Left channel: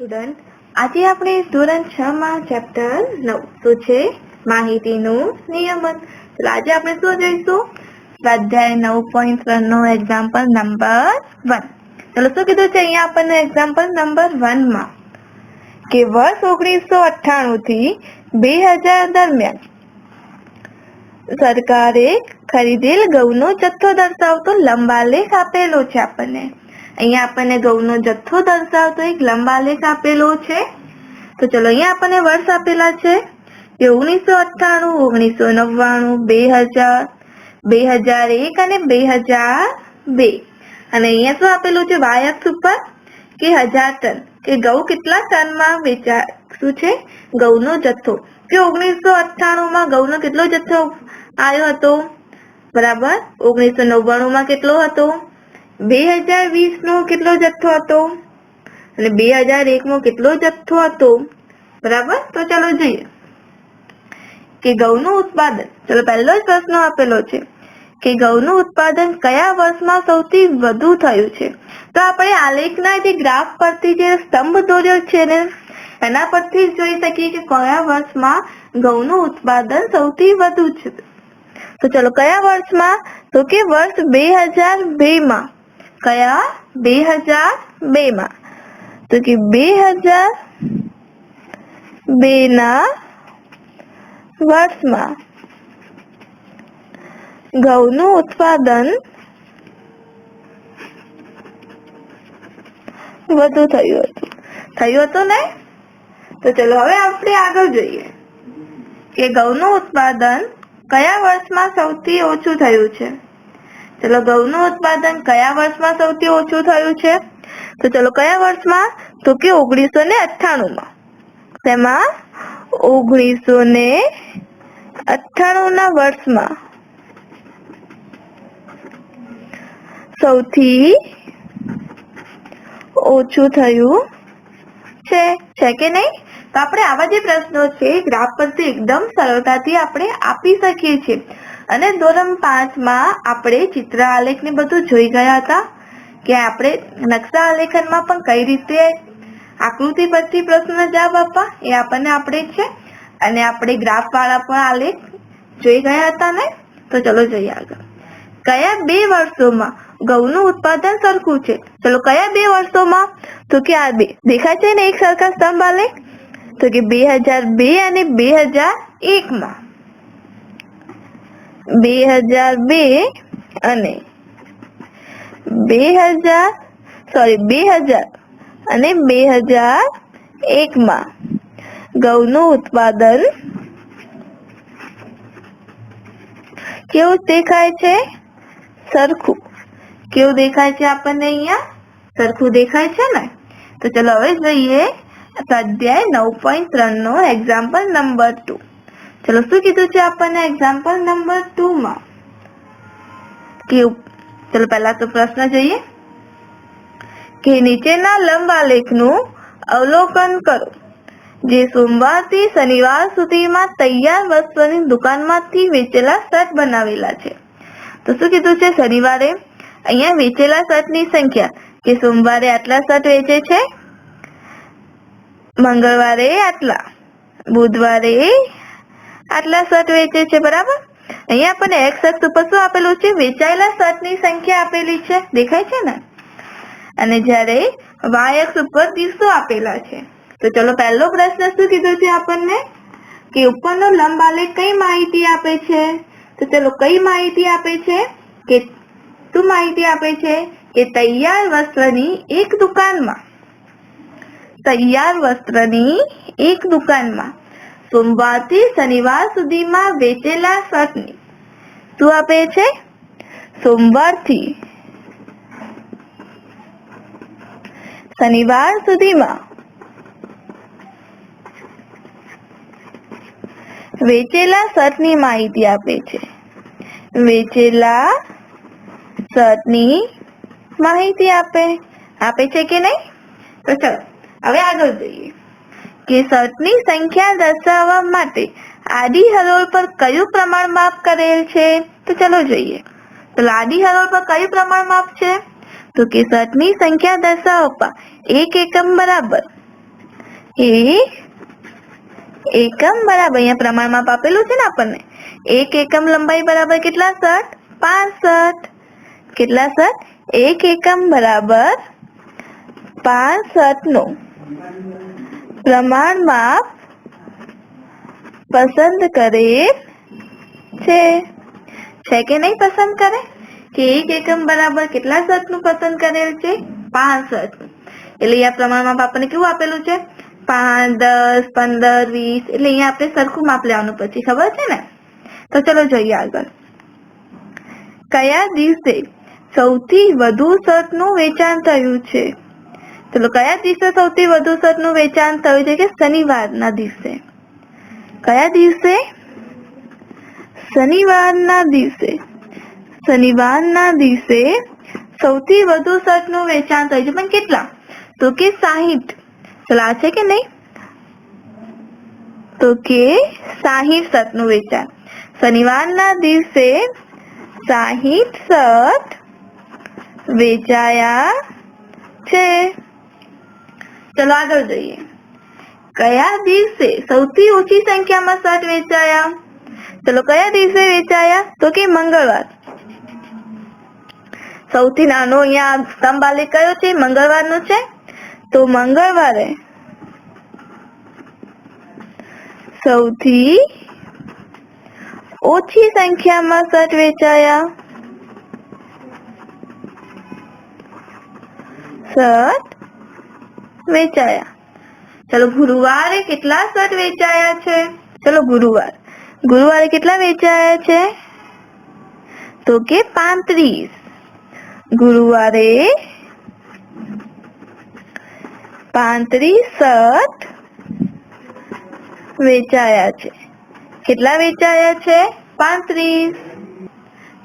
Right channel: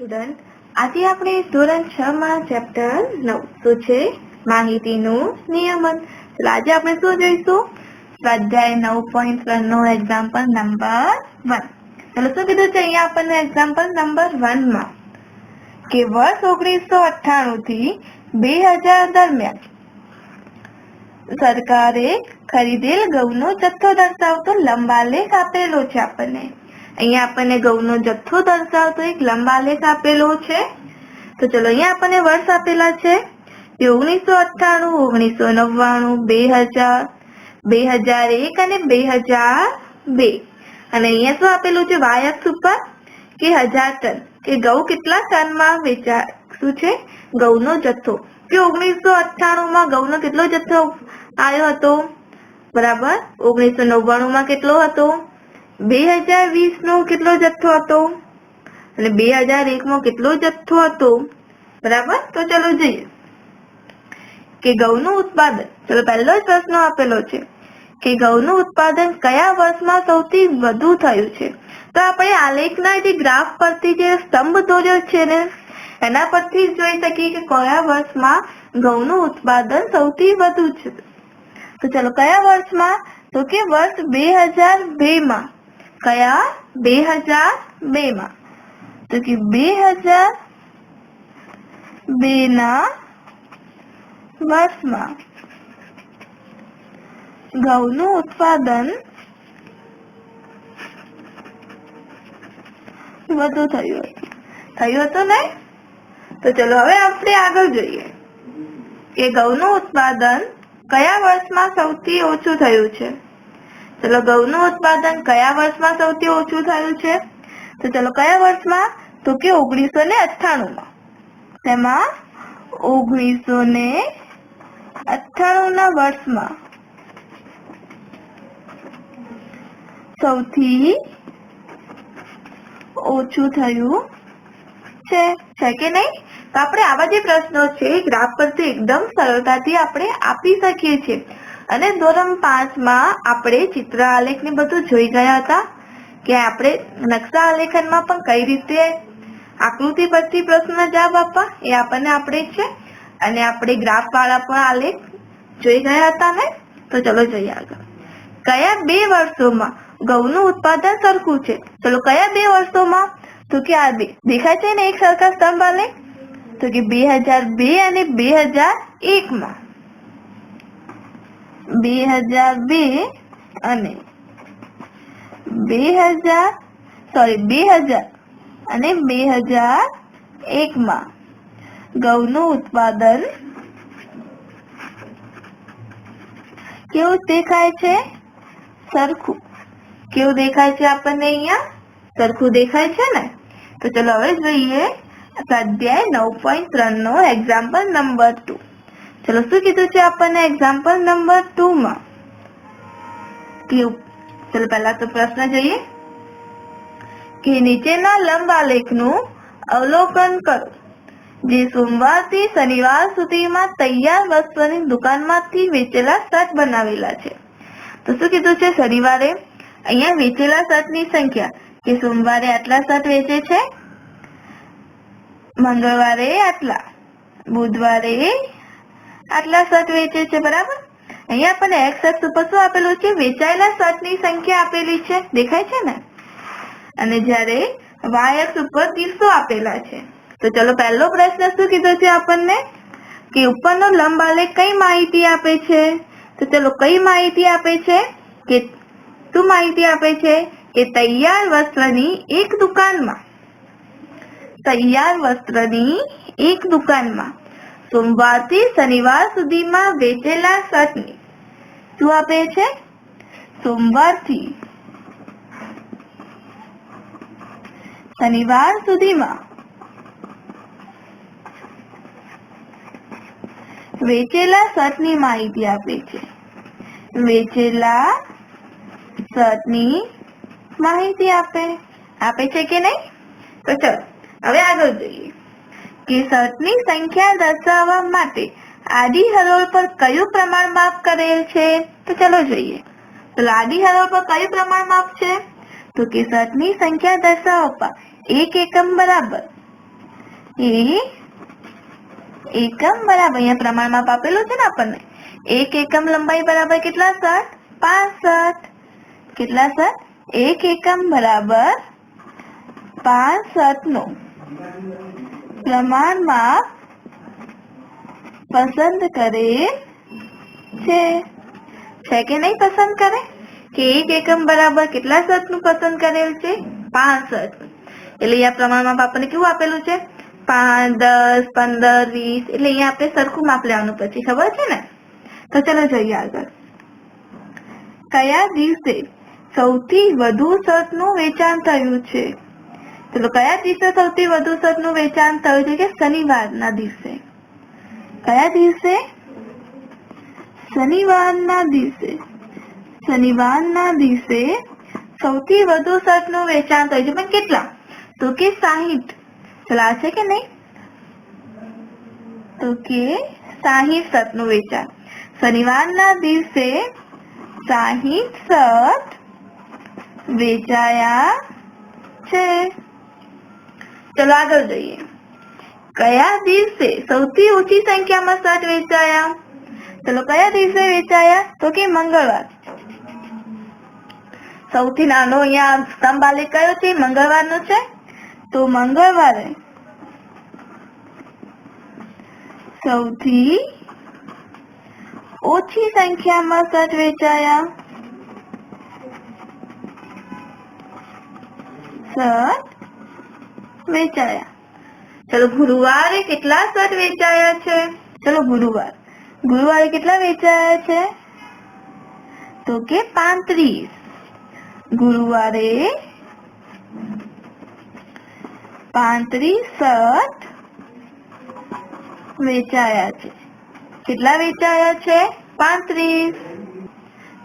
Student, આજે આપણે ધોરણ 6 માં ચેપ્ટર 9 તો છે માહિતીનું નિયમન. તો આજે આપણે શું જોઈશું? સ્વાધ્યાય 9.3 નો એક્ઝામ્પલ નંબર 1. ચલો શું કીધું છે અહીંયા આપણને એક્ઝામ્પલ નંબર 1 માં કે વર્ષ 1998 થી 2000 દરમિયાન સરકારે ખરીદેલ ઘઉંનો જથ્થો દર્શાવતો લંબાલેખ આપેલો છે. આપણને અહીંયા આપણને ઘઉંનો જથ્થો દર્શાવતો એક લંબાલેખ આપેલો છે. તો ચલો અહીંયા આપણને વર્ષ આપેલા છે કે 1998, 1999, 2000, 2001 અને 2002. અને અહીંયા શું આપેલું છે વાય અક્ષ ઉપર કે 1000 ટન, કે ઘઉં કેટલા ટનમાં વેચાય શું છે ઘઉંનો જથ્થો. કે 1998 માં ઘઉંનો કેટલો જથ્થો આવ્યો હતો? બરાબર. 1999 માં કેટલો હતો? 2020 નો કેટલો જથ્થો હતો? અને 2001 માં કેટલો જથ્થો હતો? બરાબર. તો ચાલો જોઈએ કે ઘઉંનું ઉત્પાદન. ચલો પહેલો જ પ્રશ્ન આપેલો છે કે ઘઉંનું ઉત્પાદન કયા વર્ષમાં સૌથી વધુ થયું છે? તો આપણે આલેખના જે ગ્રાફ પરથી જે સ્તંભ દોર્યો છે ને એના પરથી જોઈ શકીએ કે કયા વર્ષમાં ઘઉંનું ઉત્પાદન સૌથી વધુ છે. તો ચલો કયા વર્ષમાં? તો કે વર્ષ 2002 માં. કયા? 2002 માં. તો કે 2002 ના વર્ષમાં ઘઉંનું ઉત્પાદન વધુ થયું હતું ને? તો ચલો હવે આપણે આગળ જોઈએ કે ઘઉંનું ઉત્પાદન કયા વર્ષમાં સૌથી ઓછું થયું છે? ચલો ઘઉંનું ઉત્પાદન કયા વર્ષમાં સૌથી ઓછું થયું છે? તો ચલો કયા વર્ષમાં? તો કે 1998 માં. તેમાં 1998 ના વર્ષમાં સૌથી ઓછું થયું છે કે નહીં? તો આપણે આવા જે પ્રશ્નો છે ગ્રાફ પરથી એકદમ સરળતાથી આપણે આપી શકીએ છીએ. અને ધોરણ 5 માં આપણે ચિત્ર આલેખ ને બધું જોઈ ગયા હતા કે આપણે નકશા આલેખનમાં પણ કઈ રીતે આકૃતિ પરથી પ્રશ્નનો જવાબ આપવા એ આપણને આપણે છે. અને આપણે ગ્રાફ વાળા પણ આલેખ જોઈ ગયા હતા ને? તો ચલો જોઈએ આગળ. કયા 2 વર્ષોમાં ઘઉંનું ઉત્પાદન સરખું છે? ચલો કયા 2 વર્ષોમાં? તો કે આ 2 દેખાય છે ને એક સરખા સ્તંભ આલેખ? તો કે 2002 અને 2001 માં. 2002 અને 2000 અને 2001 માં ઘઉંનું ઉત્પાદન કેવું દેખાય છે? સરખું. કેવું દેખાય છે આપણને અહીંયા? સરખું દેખાય છે ને? તો ચલો હવે જોઈએ સ્વાધ્યાય 9.3 નો એક્ઝામ્પલ નંબર 2. ચલો શું કીધું છે આપણને એક્ઝામ્પલ નંબર 2 માં? ચલો પહેલા તો પ્રશ્ન જોઈએ કે નીચેના લંબ આલેખનું અવલોકન કરો જે સોમવારથી શનિવાર સુધીમાં તૈયાર વસ્તુની દુકાનમાંથી વેચેલા શર્ટ બનાવેલા છે. તો શું કીધું છે? શનિવારે અહીંયા વેચેલા શર્ટની સંખ્યા કે સોમવારે આટલા શર્ટ વેચે છે, મંગળવારે આટલા, બુધવારે આટલા શર્ટ વેચે છે. બરાબર. અહીંયા આપણને એક્સ અક્ષ ઉપર શું આપેલું છે? વેચાયેલા શર્ટની સંખ્યા આપેલી છે. દેખાય છે ને? અને જ્યારે વાય અક્ષ ઉપર દિવસો આપેલા છે. તો ચલો પહેલો પ્રશ્ન શું કીધો છે આપણને કે ઉપરનો લંબ આલેખ કઈ માહિતી આપે છે? તો ચલો કઈ માહિતી આપે છે? કે શું માહિતી આપે છે? કે તૈયાર વસ્ત્રની એક દુકાનમાં સોમવારથી શનિવાર સુધીમાં વેચેલા શર્ટની શું આપે છે? સોમવારથી શનિવાર સુધીમાં વેચેલા શર્ટની માહિતી આપે છે. વેચેલા શર્ટની માહિતી આપે છે કે નહીં? તો ચલો હવે આગળ જોઈએ કે શર્ટની સંખ્યા દર્શાવવા માટે આડી હરોળ પર કયું પ્રમાણ માપ કરેલ છે? તો ચલો જોઈએ. તો આડી હરોળ પર કયું પ્રમાણ માપ છે? તો કે શર્ટની સંખ્યા દર્શાવવા 1 એકમ બરાબર એક એકમ બરાબર, અહીંયા પ્રમાણમાં આપેલું છે ને આપણને, એક એકમ લંબાઈ બરાબર કેટલા સટ? 5 સટ. કેટલા સટ? એક એકમ બરાબર 5 સટનું પ્રમાણમાં પસંદ કરે છે કે નહીં પસંદ કરે? કે એક એકમ બરાબર કેટલા સટનું પસંદ કરેલ છે? 5 સટ. એટલે અહીંયા પ્રમાણમાં આપણને કેવું આપેલું છે? 5, 10, 15, 20. એટલે અહીંયા આપણે સરખું માપ લેવાનું, પછી ખબર છે ને? તો ચલો જોઈએ આગળ. કયા દિવસે સૌથી વધુ સટનું વેચાણ થયું છે? ચલો, કયા દિવસે સૌથી વધુ સટનું વેચાણ થયું છે? કે શનિવારના દિવસે. કયા દિવસે? શનિવારના દિવસે. શનિવારના દિવસે સૌથી વધુ સટનું વેચાણ થયું છે. પણ કેટલા? તો કે 60. ચલો, આ છે કે નહીં? તો કે 60 સટનું વેચાણ. શનિવારના દિવસે 60 સટ વેચાયા છે. ચલો આગળ જોઈએ. કયા દિવસે સૌથી ઓછી સંખ્યામાં સટ વેચાયા? ચલો, કયા દિવસે વેચાયા? તો કે મંગળવાર. સૌથી નાનો અહીંયા સ્તંભ આલેખ કયો છે? મંગળવારનો છે. તો મંગળવારે સૌથી ઓછી સંખ્યામાં સટ વેચાયા. સટ વેચાયા. ચલો, ગુરુવારે કેટલા સટ વેચાયા છે? ચલો, ગુરુવારે કેટલા વેચાયા છે? તો કે 35. ગુરુવારે 35 સટ વેચાયા છે. કેટલા વેચાયા છે? 35.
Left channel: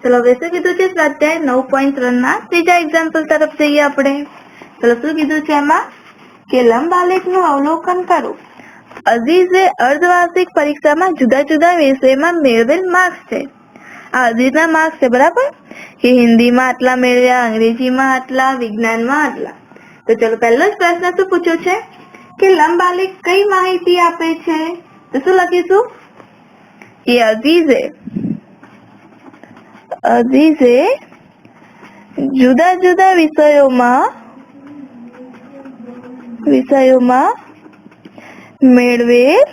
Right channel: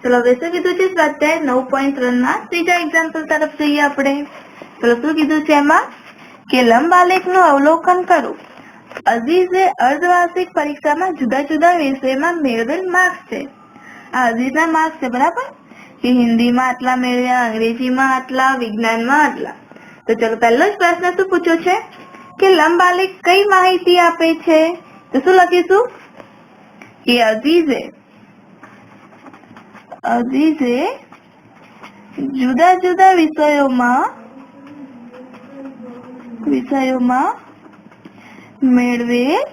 ચલો, હવે શું કીધું છે? સ્વાધ્યાય 9.3 ના ત્રીજા એક્ઝામ્પલ તરફ જઈએ આપણે. ચલો, શું કીધું છે એમાં? કે લંબ આલેખનું અવલોકન કરો. અઝીઝે અર્ધવાર્ષિક પરીક્ષામાં જુદા જુદા વિષયમાં મેળવેલ માર્ક્સ છે. આ અઝીઝના માર્ક્સ છે, બરાબર? કે હિન્દીમાં આટલા મેળવ્યા, અંગ્રેજીમાં આટલા, વિજ્ઞાનમાં આટલા. તો ચલો, પહેલો જ પ્રશ્ન શું પૂછ્યો છે? કે લંબ આલેખ કઈ માહિતી આપે છે? તો શું લખીશું? કે અઝીઝે જુદા જુદા વિષયોમાં મેળવેલ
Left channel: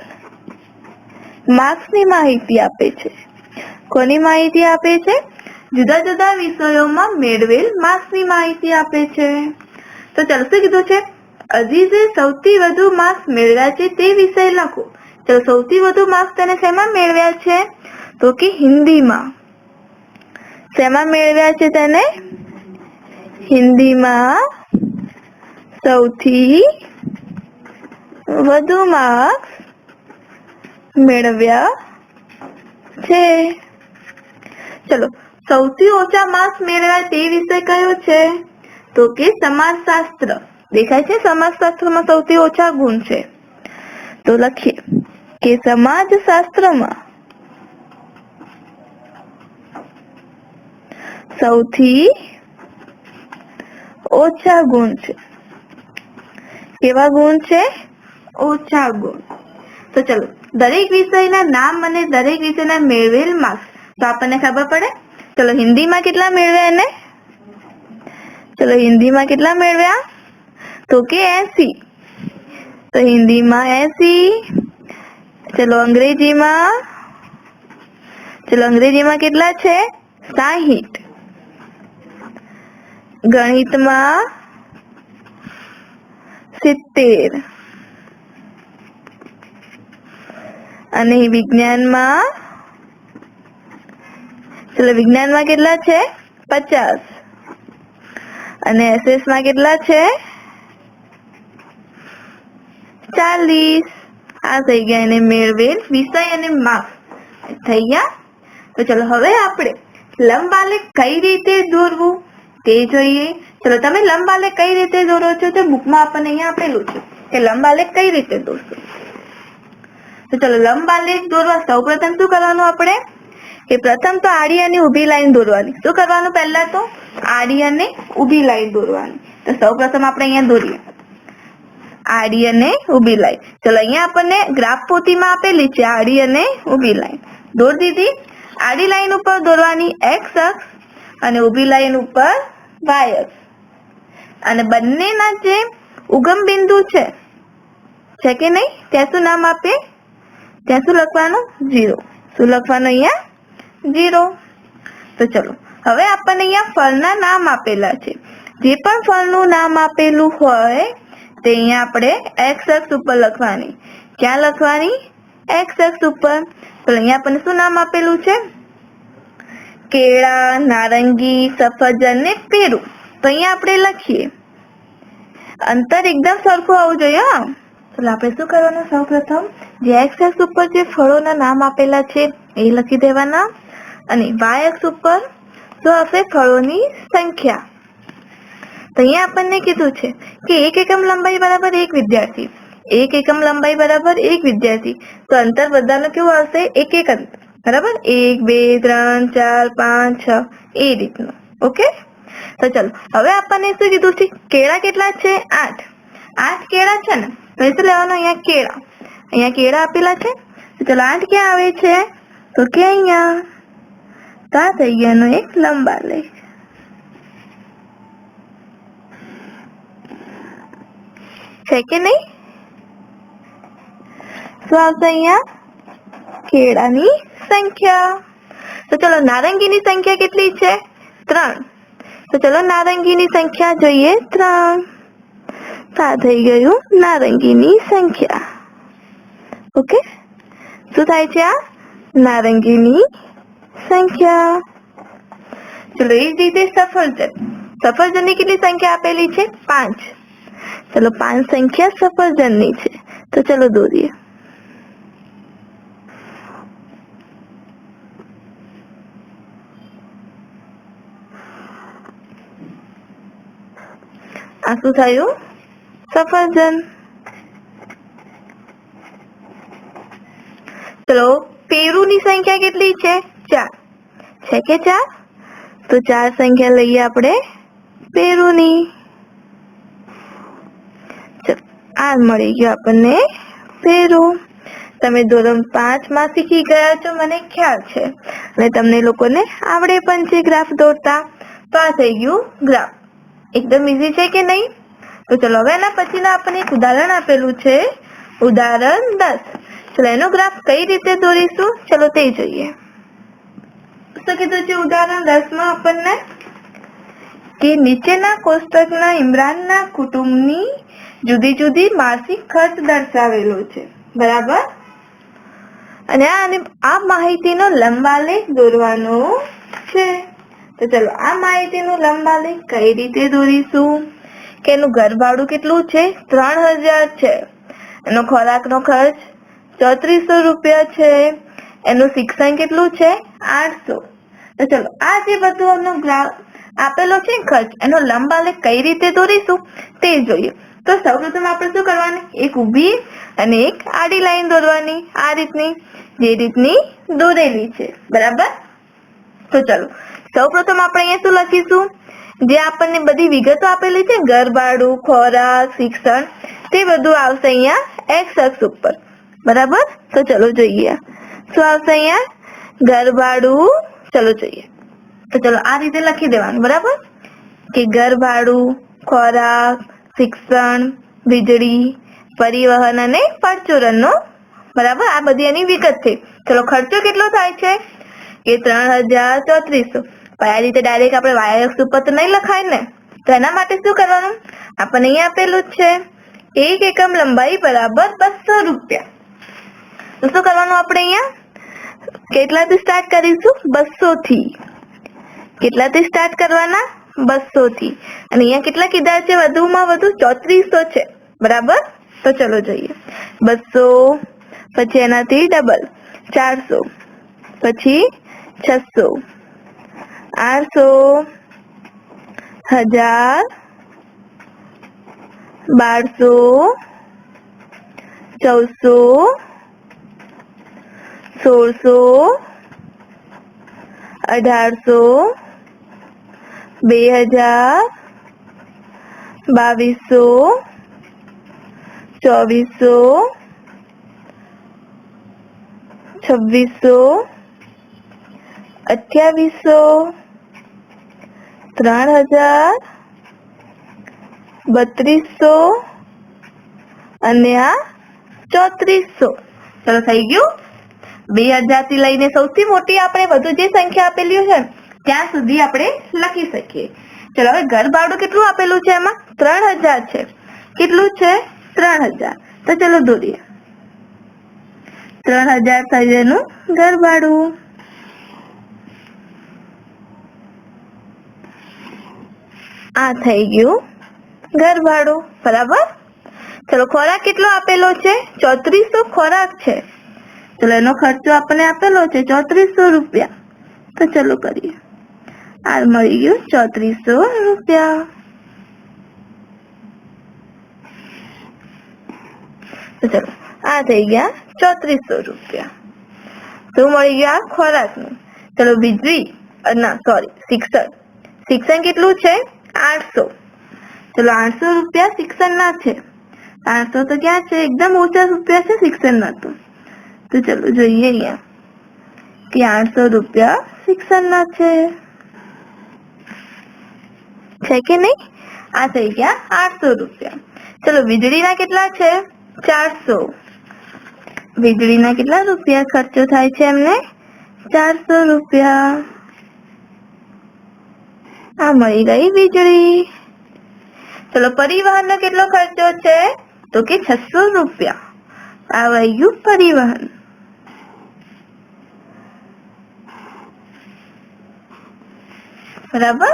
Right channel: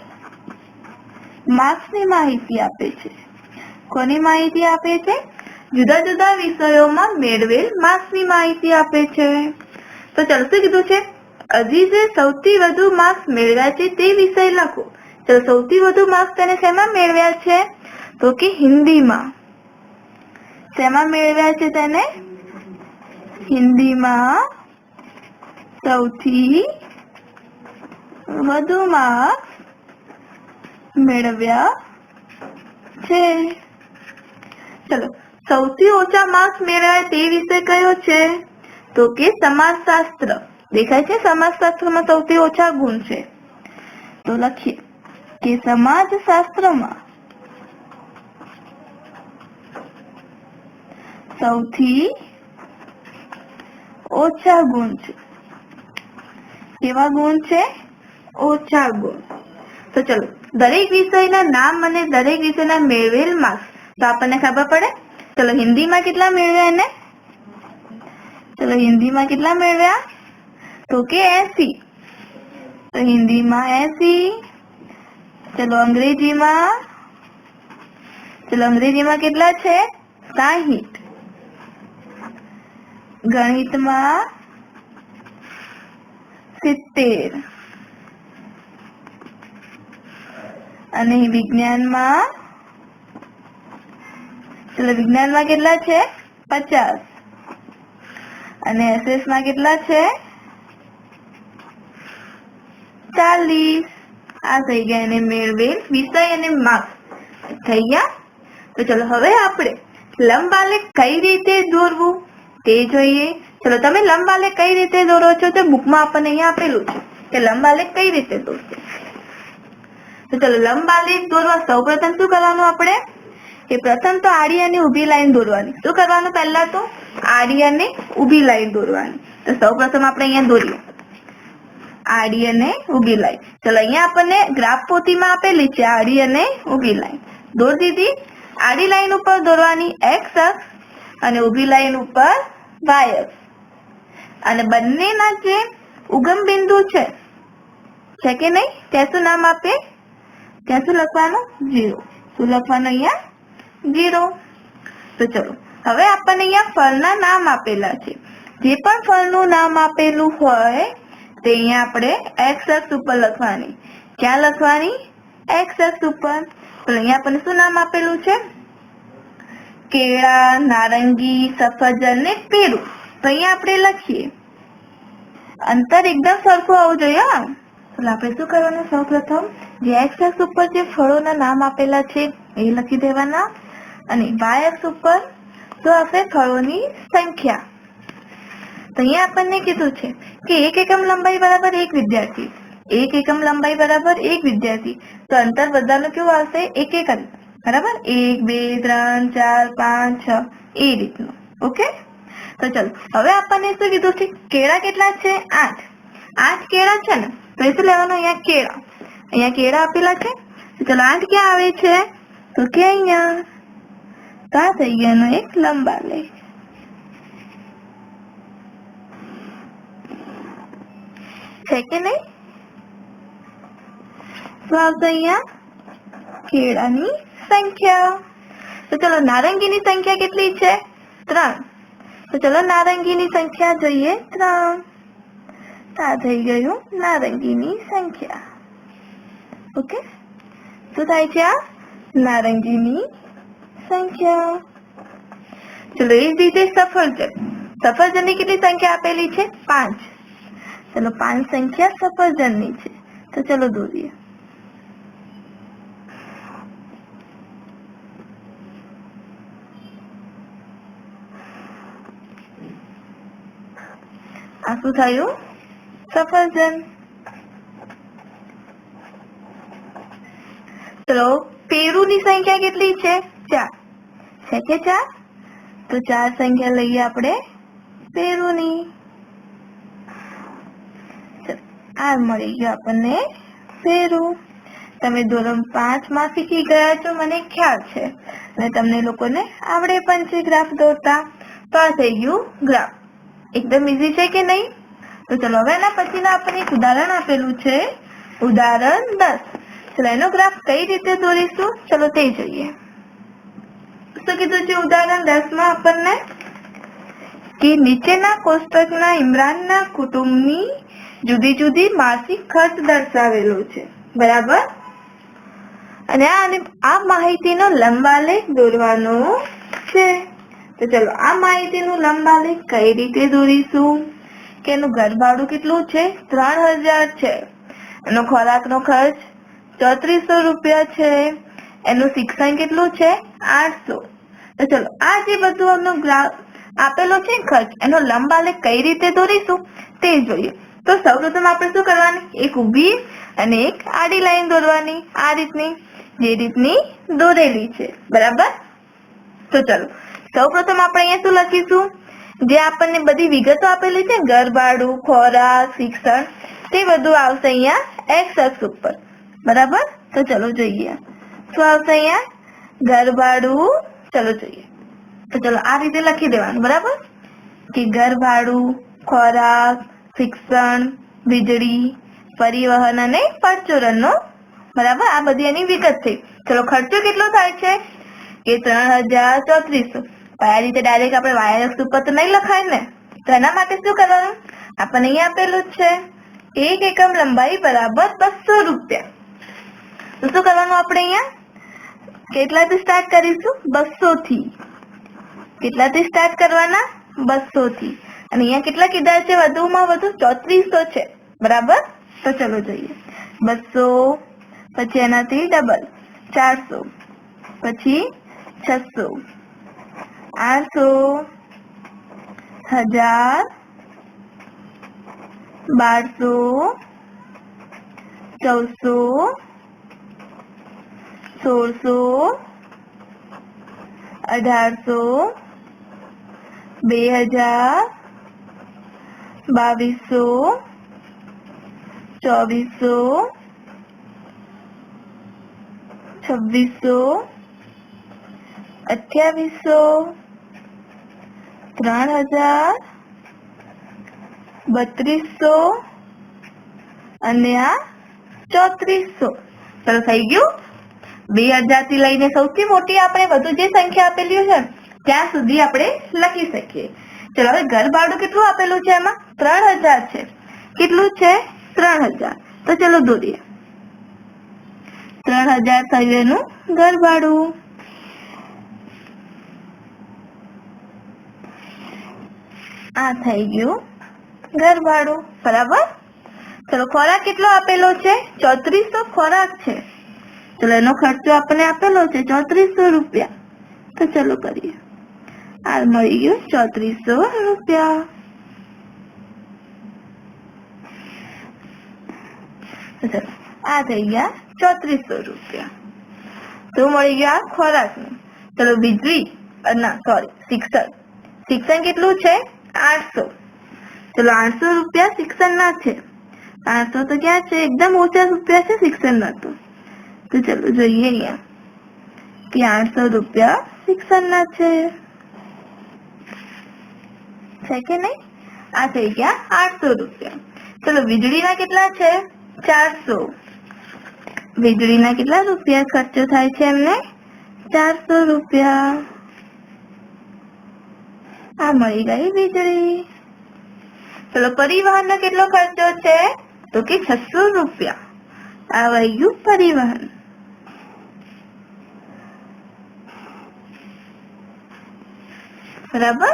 માર્ક્સની માહિતી આપે છે. કોની માહિતી આપે છે? જુદા જુદા વિષયોમાં મેળવેલ માર્ક્સની માહિતી આપે છે. તો ચલો, શું કીધું છે? અઝીઝે સૌથી વધુ માર્ક્સ મેળવ્યા છે તે વિષય લખો. તો સૌથી વધુ માર્ક્સ તેને શેમાં મેળવ્યા છે? તો કે હિન્દીમાં. શેમાં મેળવ્યા છે તેને? હિન્દીમાં સૌથી વધુ માર્ક્સ મેળવ્યા છે. ચલો, સૌથી ઓછા માર્ક્સ મેળવ્યા તે વિષય કયો છે? તો કે સમાજશાસ્ત્ર. દેખાય છે? સમાજશાસ્ત્રમાં સૌથી ઓછા ગુણ છે. તો લખીએ કે સમાજશાસ્ત્રમાં સૌથી ઓછા ગુણ છે. કેવા ગુણ છે? ઓછા ગુણ. તો ચલો, દરેક વિષયના નામ અને દરેક વિષયના મેળવેલ માર્ક્સ તો આપણને ખબર પડે. ચલો, હિન્દીમાં કેટલા મેળવ્યા એને? ચલો, હિન્દીમાં કેટલા મેળવ્યા? તો કે 80. તો હિન્દીમાં 80. ચલો, અંગ્રેજીમાં કેટલા છે? 60. ગણિતમાં 70. અને વિજ્ઞાનમાં કેટલા છે? 50. અને એસએસ માં કેટલા છે? 40. આ થઈ ગયા એને મેળવેલ વિષય અને માર્ક્સ થઈ ગયા. તો ચલો, હવે આપણે લંબ આલેખ કઈ રીતે દોરવું તે જોઈએ. ચલો, તમે લંબ આલેખ કઈ રીતે દોરો છો? તો બુકમાં આપણને અહીંયા આપેલું છે કે લંબ આલેખ કઈ રીતે દોરશો. તો ચલો, લંબ આલેખ દોરવા સૌપ્રથમ શું કરવાનું આપણે? કે પ્રથમ તો આડી અને ઊભી લાઈન દોરવાની. શું કરવાનું? પહેલા તો આડી અને ઊભી લાઈન દોરવાની. તો સૌપ્રથમ આપણે અહીંયા દોરીએ. આડી અને ઊભી લાઈન. ચલો અહીંયા આપણને ગ્રાફ પોથીમાં આપેલી છે આડી અને ઊભી લાઈન. દોરી દીધી. આડી લાઈન ઉપર દોરવાની x અક્ષ અને ઊભી લાઈન ઉપર y અક્ષ. અને બંનેના જે ઉગમ બિંદુ છે કે નહીં, ત્યાં શું નામ આપે? ત્યાં શું લખવાનું? 0. શું લખવાનું અહીંયા? 0. તો ચલો હવે આપણને અહીંયા ફળના નામ આપેલા છે. જે પણ ફળનું નામ આપેલું હોય તે અહીંયા આપણે x અક્ષ ઉપર લખવાની. ક્યાં લખવાની? x અક્ષ ઉપર. તો અહીંયા આપણને શું નામ આપેલું છે? કેળા, નારંગી, સફરજન ને પેરું. તો અહીંયા આપણે લખીએ. અંતર એકદમ સરખું આવવું જોઈએ. તો આપણે શું કરવાનું? સૌપ્રથમ જે x અક્ષ ઉપર જે ફળોના નામ આપેલા છે એ લખી દેવાના અને y અક્ષ ઉપર તો હશે ફળોની સંખ્યા. તો અહીંયા આપણને કીધું છે કે 1 એકમ લંબાઈ બરાબર 1 વિદ્યાર્થી. 1 એકમ લંબાઈ બરાબર 1 વિદ્યાર્થી. તો અંતર બધાનું કેવું આવશે? 1 1 અંતર. બરાબર? 1 2 3 4 5 6 એ રીતનું. ઓકે. તો ચલો હવે આપણને શું કીધું છે? કેળા કેટલા છે? 8. 8 કેળા છે ને, તો શું લેવાનું? અહીંયા કેળા. અહીંયા કેળા આપેલા છે. તો ચલો 8 ક્યાં આવે છે? તો કે અહીંયા. તો આ થઈ ગયાનો એક લંબાલેખ છે કે નહીં? શું આવશે અહીંયા? કેળાની સંખ્યા. તો ચલો નારંગીની સંખ્યા કેટલી છે? 3. તો ચલો નારંગીની સંખ્યા જોઈએ. 3. આ થઈ ગયું નારંગીની સંખ્યા. ઓકે. શું થાય છે? આ નારંગીની સંખ્યા. ચલો એ જ રીતે સફરજનની કેટલી સંખ્યા આપેલી છે? 5. ચલો 5 સંખ્યા સફરજનની છે. તો ચલો દોરીએ. આ શું થયું? સફરજન. ચલો પેરુની સંખ્યા કેટલી છે? 4. છે કે 4? તો 4 સંખ્યા લઈએ આપણે પેરુની. આ મળી ગયો આપણને પેરું. તમે ધોરણ 5 માં શીખી ગયા છો મને ખ્યાલ છે અને તમને લોકોને આવડે પણ છે ગ્રાફ દોરતા. તો આ થઈ ગયું ગ્રાફ. એકદમ ઈઝી છે કે નહીં? તો ચલો હવે એના પછીનું આપણને એક ઉદાહરણ આપેલું છે. ઉદાહરણ 10. ચલો એનો ગ્રાફ કઈ રીતે દોરીશું ચલો તે જોઈએ. શું કીધું છે ઉદાહરણ 10 માં આપણને? કે નીચેના કોષ્ટકના ઇમરાનના કુટુંબની જુદી જુદી માસિક ખર્ચ દર્શાવેલો છે. બરાબર? અને આ માહિતીનો લંબાલેખ દોરવાનો છે. તો ચલો આ માહિતીનો લંબાલેખ કઈ રીતે દોરીશું? કે એનું ઘર ભાડું કેટલું છે? 3000 છે. એનો ખોરાકનો ખર્ચ 3400 રૂપિયા છે. એનું શિક્ષણ કેટલું છે? 800. તો ચલો આ જે બધું આપેલો છે ખર્ચ એનો લંબાલેખ કઈ રીતે દોરીશું તે જોઈએ. તો સૌપ્રથમ આપણે શું કરવાનું? એક ઊભી અને એક આડી લાઈન દોરવાની. આ રીતની જે રીતની દોરેલી છે. બરાબર? તો ચલો સૌપ્રથમ આપણે અહીંયા શું લખીશું? જે આપણને બધી વિગતો આપેલી છે ઘર ભાડું, ખોરાક, શિક્ષણ તે બધું આવશે અહીંયા x અક્ષ ઉપર. બરાબર? તો ચલો જોઈએ શું આવશે અહીંયા? ઘર ભાડું. ચલો જોઈએ. તો ચલો આ રીતે લખી દેવાનું. બરાબર? કે ઘર ભાડું, ખોરાક, શિક્ષણ, વીજળી, પરિવહન અને પરચુરણનો. બરાબર? આ બધી એની વિગત છે. ચલો ખર્ચો કેટલો થાય છે? કે 3300. આ રીતે ડાયરેક્ટ આપણે y અક્ષ ઉપર તો નહીં લખાય ને. તો એના માટે શું કરવાનું? આપણને અહીંયા આપેલું જ છે 1 એકમ લંબાઈ બરાબર 200 રૂપિયા. તો શું કરવાનું આપણે અહીંયા? કેટલાથી સ્ટાર્ટ કરીશું? 200 થી. કેટલાથી સ્ટાર્ટ કરવાના? 200 થી. અને અહીંયા કેટલા કીધા છે? વધુમાં વધુ 3400 છે. બરાબર? તો ચલો જોઈએ. 200 પછી એનાથી ડબલ 400 પછી 600 800 1000 1200 1400 1600 1800 2000 2200 2400, 2600, 2800, 3000, 3200 અને આ 3400. ચલો થઈ ગયું. 2000 થી લઈને સૌથી મોટી આપણે બધું જે સંખ્યા આપેલી છે ત્યાં સુધી આપણે લખી શકીએ. ચલો હવે ઘર ભાડું કેટલું આપેલું છે? એમાં 3000 છે. કેટલું છે? 3000. તો ચલો દોરીએ. 3000 થયું એનું ઘર ભાડું. આ થઈ ગયું ઘર ભાડું. બરાબર. ચલો ખોરાક કેટલો આપેલો છે? 3400 ખોરાક છે. ચલો એનો ખર્ચો આપણને આપેલો છે 3400 રૂપિયા. તો ચલો કરીએ. આ મળી ગયું 3400 રૂપિયા. તો ચલો આ થઈ ગયા 3400 રૂપિયા. તો મળી ગયા ખોરાકનું. ચલો વીજળી ના સોરી શિક્ષણ કેટલું છે? 800. ચલો 800 રૂપિયા શિક્ષણના છે. 800 તો ક્યાં છે? એકદમ ઓછા રૂપિયા છે શિક્ષણના. તો ચલો જોઈએ અહીંયા કે 800 રૂપિયા શિક્ષણના છે કે નહીં? આ થઈ ગયા 800 રૂપિયા. ચલો વીજળીના કેટલા છે? 400. વીજળીના કેટલા રૂપિયા ખર્ચો થાય છે એમને? 400 રૂપિયા. આ મળી ગઈ વીજળી. ચલો પરિવહનનો કેટલો ખર્ચો છે? તો કે 600 રૂપિયા. આ આવી ગયું પરિવહન. બરાબર.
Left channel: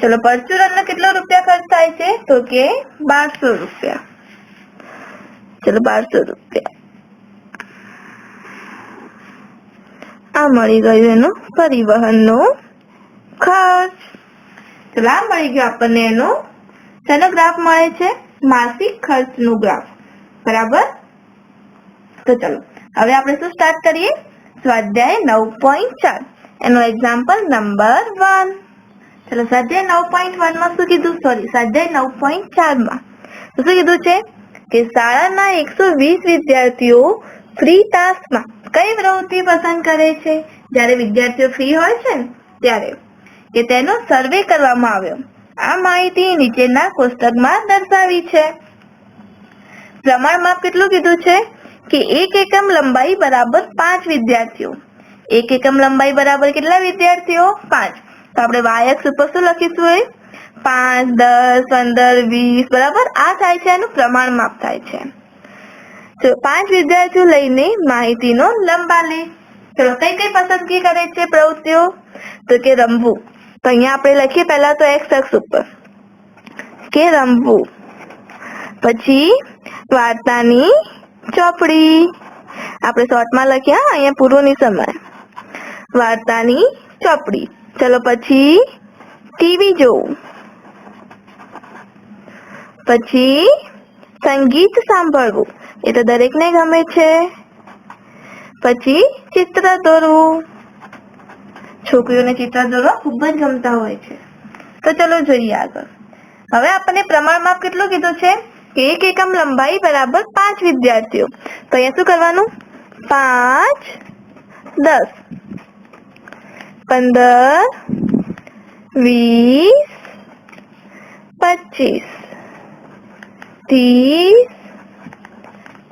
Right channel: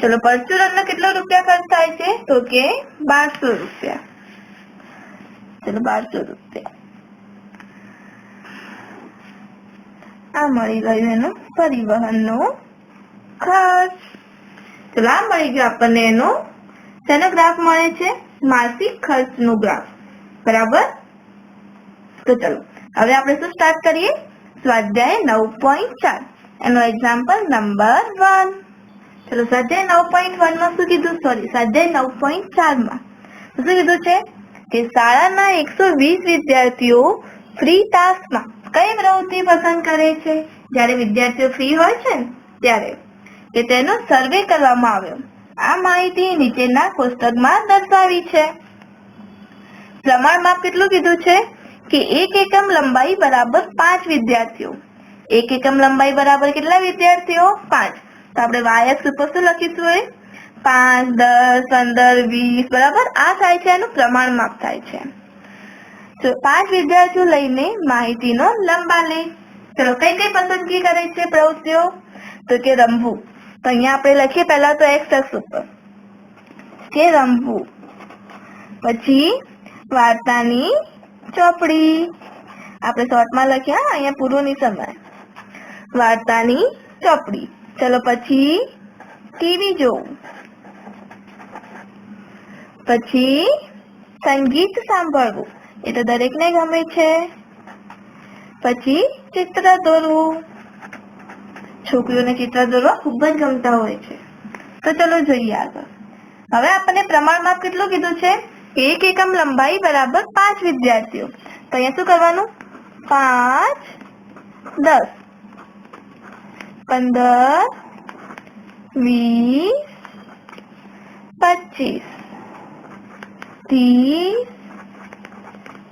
ચલો પરચુરણનો કેટલો રૂપિયા ખર્ચ થાય છે? તો કે 1200 રૂપિયા. ચલો 1200 રૂપિયા. આ મળી ગયું એનું પરિવહનનો ખર્ચ. ચલો આ મળી ગયું આપણને એનો શેનો ગ્રાફ મળે છે? માસિક ખર્ચનું ગ્રાફ. બરાબર. તો ચલો હવે આપણે શું સ્ટાર્ટ કરીએ? સ્વાધ્યાય 9.4 એનો એક્ઝામ્પલ નંબર 1. ચલો સ્વાધ્યાય 9.1 માં શું કીધું? સ્વાધ્યાય 9.4 માં શું કીધું છે કે શાળાના 120 વિદ્યાર્થીઓ ફ્રી તાસમાં કઈ પ્રવૃત્તિ પસંદ કરે છે? જ્યારે વિદ્યાર્થીઓ ફ્રી હોય છે ને ત્યારે કે તેનો સર્વે કરવામાં આવ્યો. આ માહિતી નીચેના કોષ્ટકમાં દર્શાવી છે. પ્રમાણ માપ કેટલું કીધું છે કે 1 એકમ લંબાઈ બરાબર 5 વિદ્યાર્થીઓ. 1 એકમ લંબાઈ બરાબર કેટલા વિદ્યાર્થીઓ? 5. તો આપણે y અક્ષ ઉપર શું લખીશું? 5, 10, 15, 20 બરાબર. આ થાય છે એનું પ્રમાણ માપ થાય છે. તો 5 વિદ્યાર્થીઓ લઈને માહિતીનો લંબાલેખ. ચલો કઈ કઈ પસંદગી કરે છે પ્રવૃત્તિઓ? તો કે રમવું. તો અહીંયા આપણે લખીએ પહેલા તો x અક્ષ ઉપર કે રમવું. પછી વાર્તાની ચોપડી. આપણે શોર્ટમાં લખ્યા, અહીંયા પૂરું નહીં સમય. વાર્તાની ચોપડી. ચલો પછી ટીવી જોવું. પછી સંગીત સાંભળવું. એ તો દરેકને ગમે છે. પછી ચિત્ર દોરવું. છોકરીઓને ચિત્ર દોરવા ખૂબ જ ગમતા હોય છે. તો ચલો જોઈએ આગળ. હવે આપણને પ્રમાણ માપ કેટલું કીધું છે? 1 એકમ લંબાઈ બરાબર 5 વિદ્યાર્થીઓ. તો અહીંયા શું કરવાનું? 5, 10, 15, 20, 25, 30,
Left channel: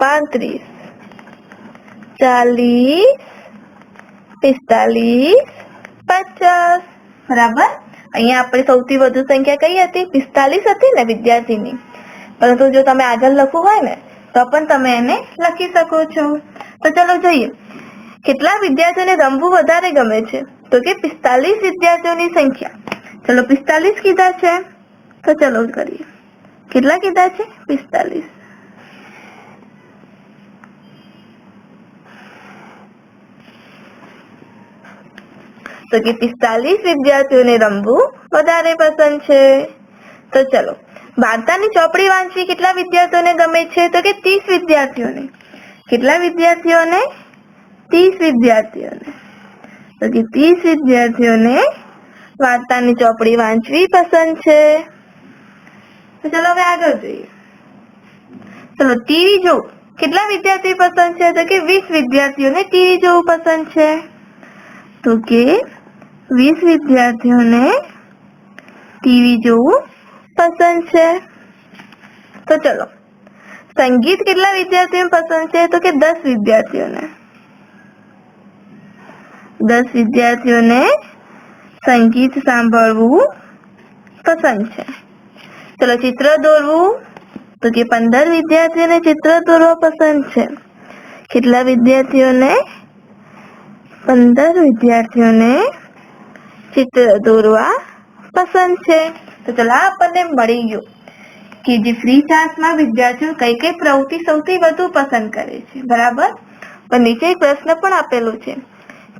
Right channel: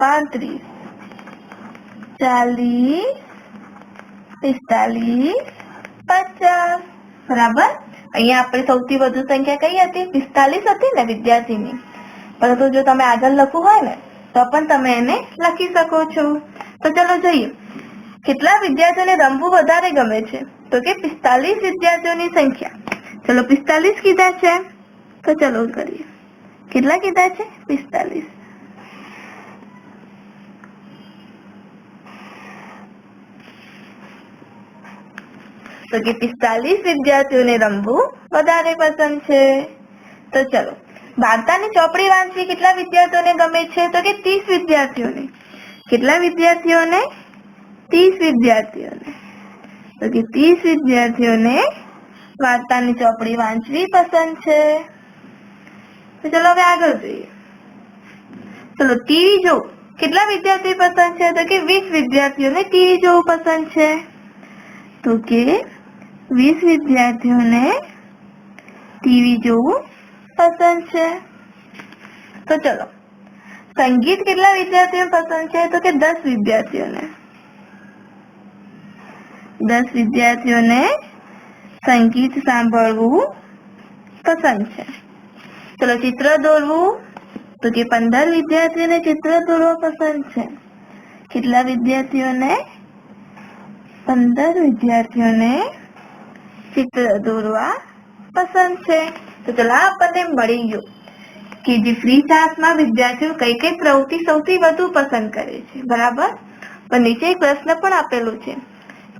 35, 40, 45, 50. બરાબર. અહીંયા આપણે સૌથી વધુ સંખ્યા કઈ હતી? 45 હતી ને વિદ્યાર્થીની. પરંતુ જો તમે આગળ લખવું હોય ને તો પણ તમે એને લખી શકો છો. તો ચલો જોઈએ કેટલા વિદ્યાર્થીઓને રમવું વધારે ગમે છે? તો કે 45 વિદ્યાર્થીઓની સંખ્યા. ચલો 45 કીધા છે. તો ચલો કરીએ. કેટલા કીધા છે? 45. તો કે 45 વિદ્યાર્થીઓને રમવું વધારે પસંદ છે. તો ચલો વાર્તાની ચોપડી વાંચવી કેટલા વિદ્યાર્થીઓને ગમે છે? તો કે 30 વિદ્યાર્થીઓને. કેટલા વિદ્યાર્થીઓને? 30 વિદ્યાર્થીઓને. તો કે 30 વિદ્યાર્થીઓને વાર્તાની ચોપડી વાંચવી પસંદ છે. તો ચલો હવે આગળ જોઈએ. ચલો ટીવી જોવું કેટલા વિદ્યાર્થી પસંદ છે? તો કે 20 વિદ્યાર્થીઓને ટીવી જોવું પસંદ છે. તો કે 20 વિદ્યાર્થીઓને ટીવી જોવું પસંદ છે. તો ચલો સંગીત કેટલા વિદ્યાર્થીઓ પસંદ છે? તો કે 10 વિદ્યાર્થીઓને 10 વિદ્યાર્થીઓને સંગીત સાંભળવું પસંદ છે. ચલો ચિત્ર દોરવું તો કે 15 વિદ્યાર્થીઓને ચિત્ર દોરવા પસંદ છે. કેટલા વિદ્યાર્થીઓને? 15 વિદ્યાર્થીઓને ચિત્ર દોરવા પસંદ છે. તો ચલો આપણને મળી ગયું કે જે ફ્રી ક્લાસમાં વિદ્યાર્થીઓ કઈ કઈ પ્રવૃત્તિ સૌથી વધુ પસંદ કરે છે. બરાબર. પણ નીચે એક પ્રશ્ન પણ આપેલો છે,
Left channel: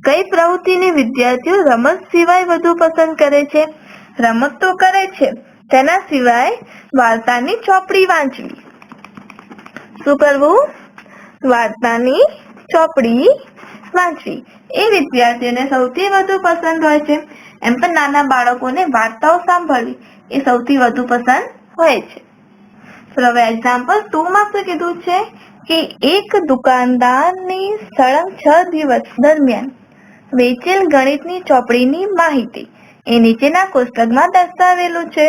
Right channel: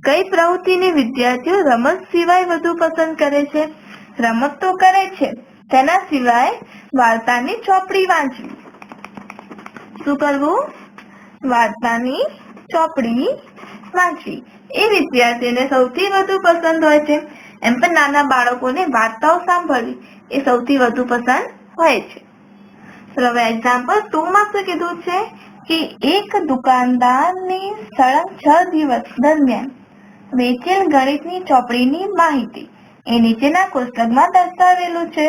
કઈ પ્રવૃત્તિને વિદ્યાર્થીઓ રમત સિવાય વધુ પસંદ કરે છે? રમત તો કરે છે, તેના સિવાય વાર્તાની ચોપડી વાંચવી. શું કરવું? વાર્તાની ચોપડી વાંચવી એ વિદ્યાર્થીઓને સૌથી વધુ પસંદ હોય છે. એમ પણ નાના બાળકોને વાર્તાઓ સાંભળવી એ સૌથી વધુ પસંદ હોય છે. હવે એક્ઝામ્પલ 2 માં શું કીધું છે કે એક દુકાનદારની સળંગ 6 દિવસ દરમિયાન વેચેલ ગણિતની ચોપડીની માહિતી એ નીચેના કોષ્ટકમાં દર્શાવેલું છે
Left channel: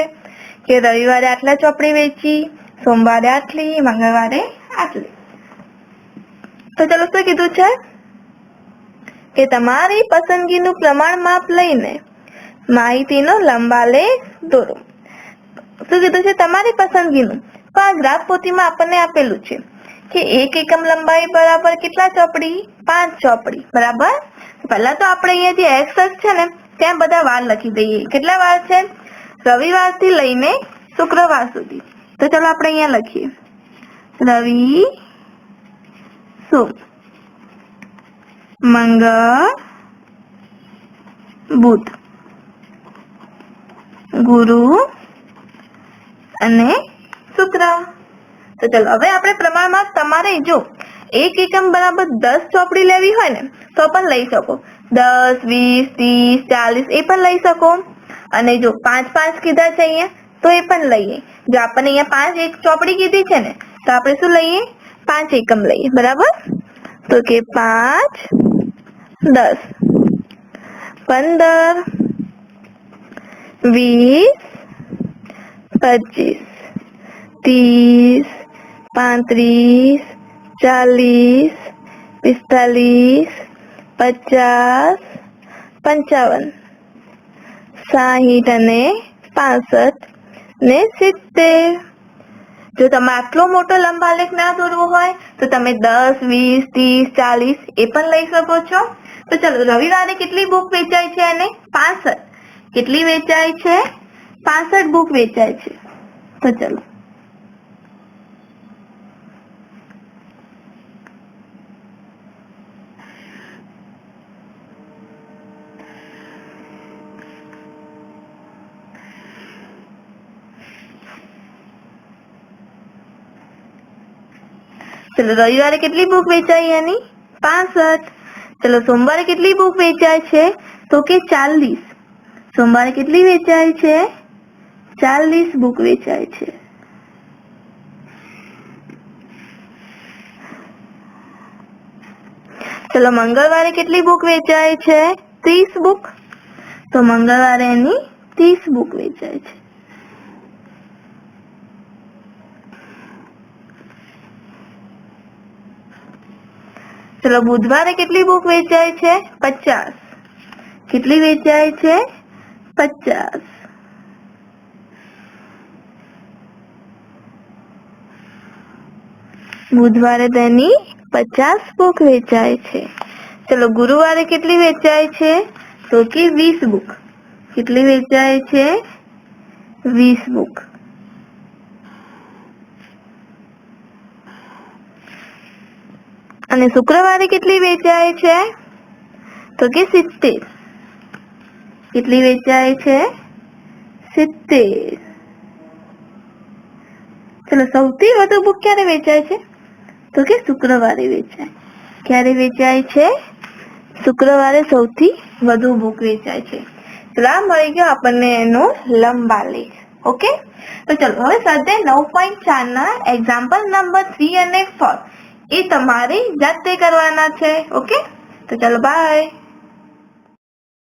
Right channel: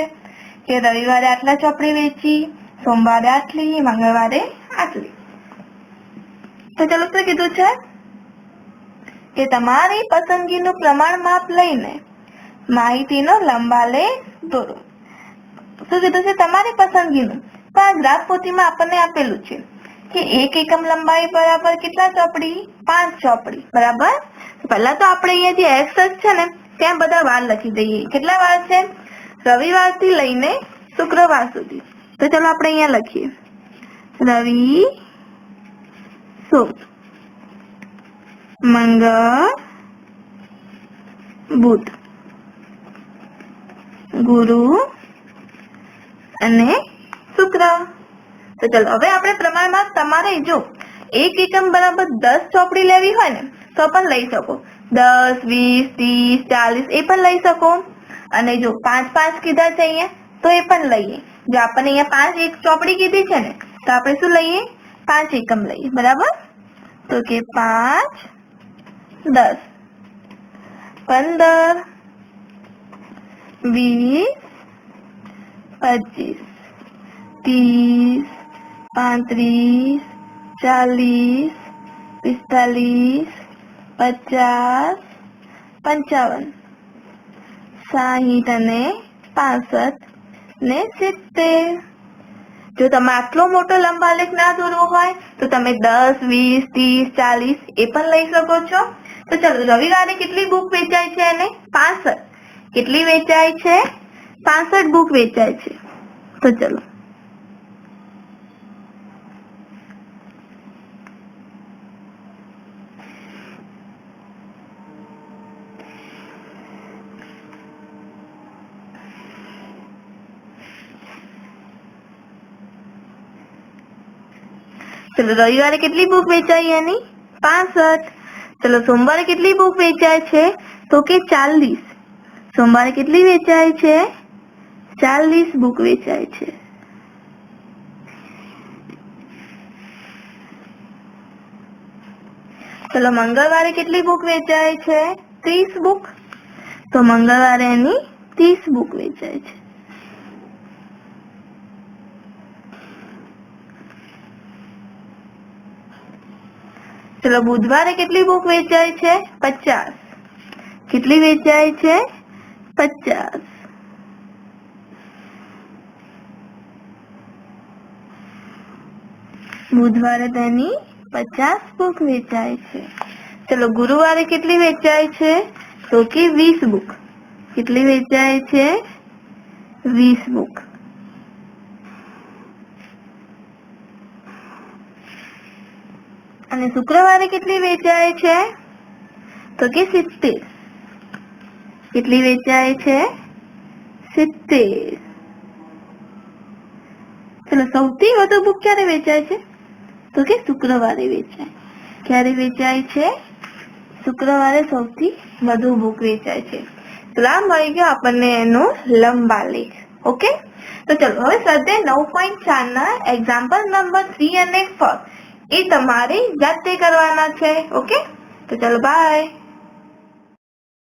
કે રવિવારે આટલા ચોપડી વેચી, સોમવારે આટલી, મંગળવારે આટલી. તો ચલો શું કીધું છે કે તમારી પસંદગીનું પ્રમાણ માપ લઈને માહિતીનો લંબાલેખ દોરો. શું કીધું છે? તમારી પસંદગીનું. તો આ ગ્રાફ પોથીમાં આપણને આપેલું છે કે 1 એકમ લંબાઈ બરાબર કેટલા ચોપડી? 5 ચોપડી. બરાબર. પહેલા તો આપણે અહીંયા જે એક્સ છે ને ત્યાં બધા વાર લખી દઈએ. કેટલા વાર છે? રવિવારથી લઈને શુક્રવાર સુધી. તો ચલો આપણે અહીંયા લખીએ રવિ, સોમ, મંગળ, બુધ, ગુરુ અને શુક્ર. તો ચલો હવે આપણે પ્રમાણમાં તમારે જો 1 એકમ બરાબર 10 ચોપડી લેવી હોય ને તો પણ લઈ શકો. 10, 20, 30, 40 એ પણ લઈ શકો. અને જો 5 કીધા છે અહીંયા તો એ પણ લઈએ. જો આપણને અહીંયા 5 એક ચોપડી કીધી છે ને તો આપણે શું લઈએ? 5 એકમ લઈએ. બરાબર. તો કે 5, 10, 15, 20, 25, 30, 35, 40, 45, 50, 55, 60 અને 65 ને 70. જો તમે આટલો મોટો લંબાલેખ ના દોરવો હોય તો તમે 10, 20, 30, 40 એ પણ લઈ શકો છો. તો ચલો રવિવારે કેટલી બુક વેચાય છે? અને 65. કેટલી વેચાય છે? 65 બુક વેચાય છે. તો ચલો રવિવારે કેટલી બુક વેચાય? એની 65. ચલો સોમવારે કેટલી બુક વેચાય છે? તો કે 40. સોમવારે કેટલી વેચાય છે? 40 બુક વેચાય છે. ચલો મંગળવારે કેટલી બુક વેચાય છે? 30 બુક. તો મંગળવારે એની 30 બુક વેચાય છે. ચલો બુધવારે કેટલી બુક વેચાય છે? 50. કેટલી વેચાય છે? 50. બુધવારે તેની 50 બુક વેચાય છે. ચલો ગુરુવારે કેટલી વેચાય છે? તો કે 20 બુક. કેટલી વેચાય છે? 20 બુક. અને શુક્રવારે કેટલી વેચાય છે? તો કે 70. કેટલી વેચાય છે? 70. ચલો સૌથી વધુ બુક ક્યારે વેચાય છે? તો કે શુક્રવારે વેચાય. ક્યારે વેચાય છે? શુક્રવારે સૌથી વધુ બુક વેચાય છે. તો આ મળી ગયો આપણને એનો લંબાલેખ. ઓકે. તો ચલો હવે સ્વાધ્યાય 9.4 ના એક્ઝામ્પલ નંબર 3 અને 4 એ તમારે જાતે કરવાના છે. ઓકે, તો ચલો બાય.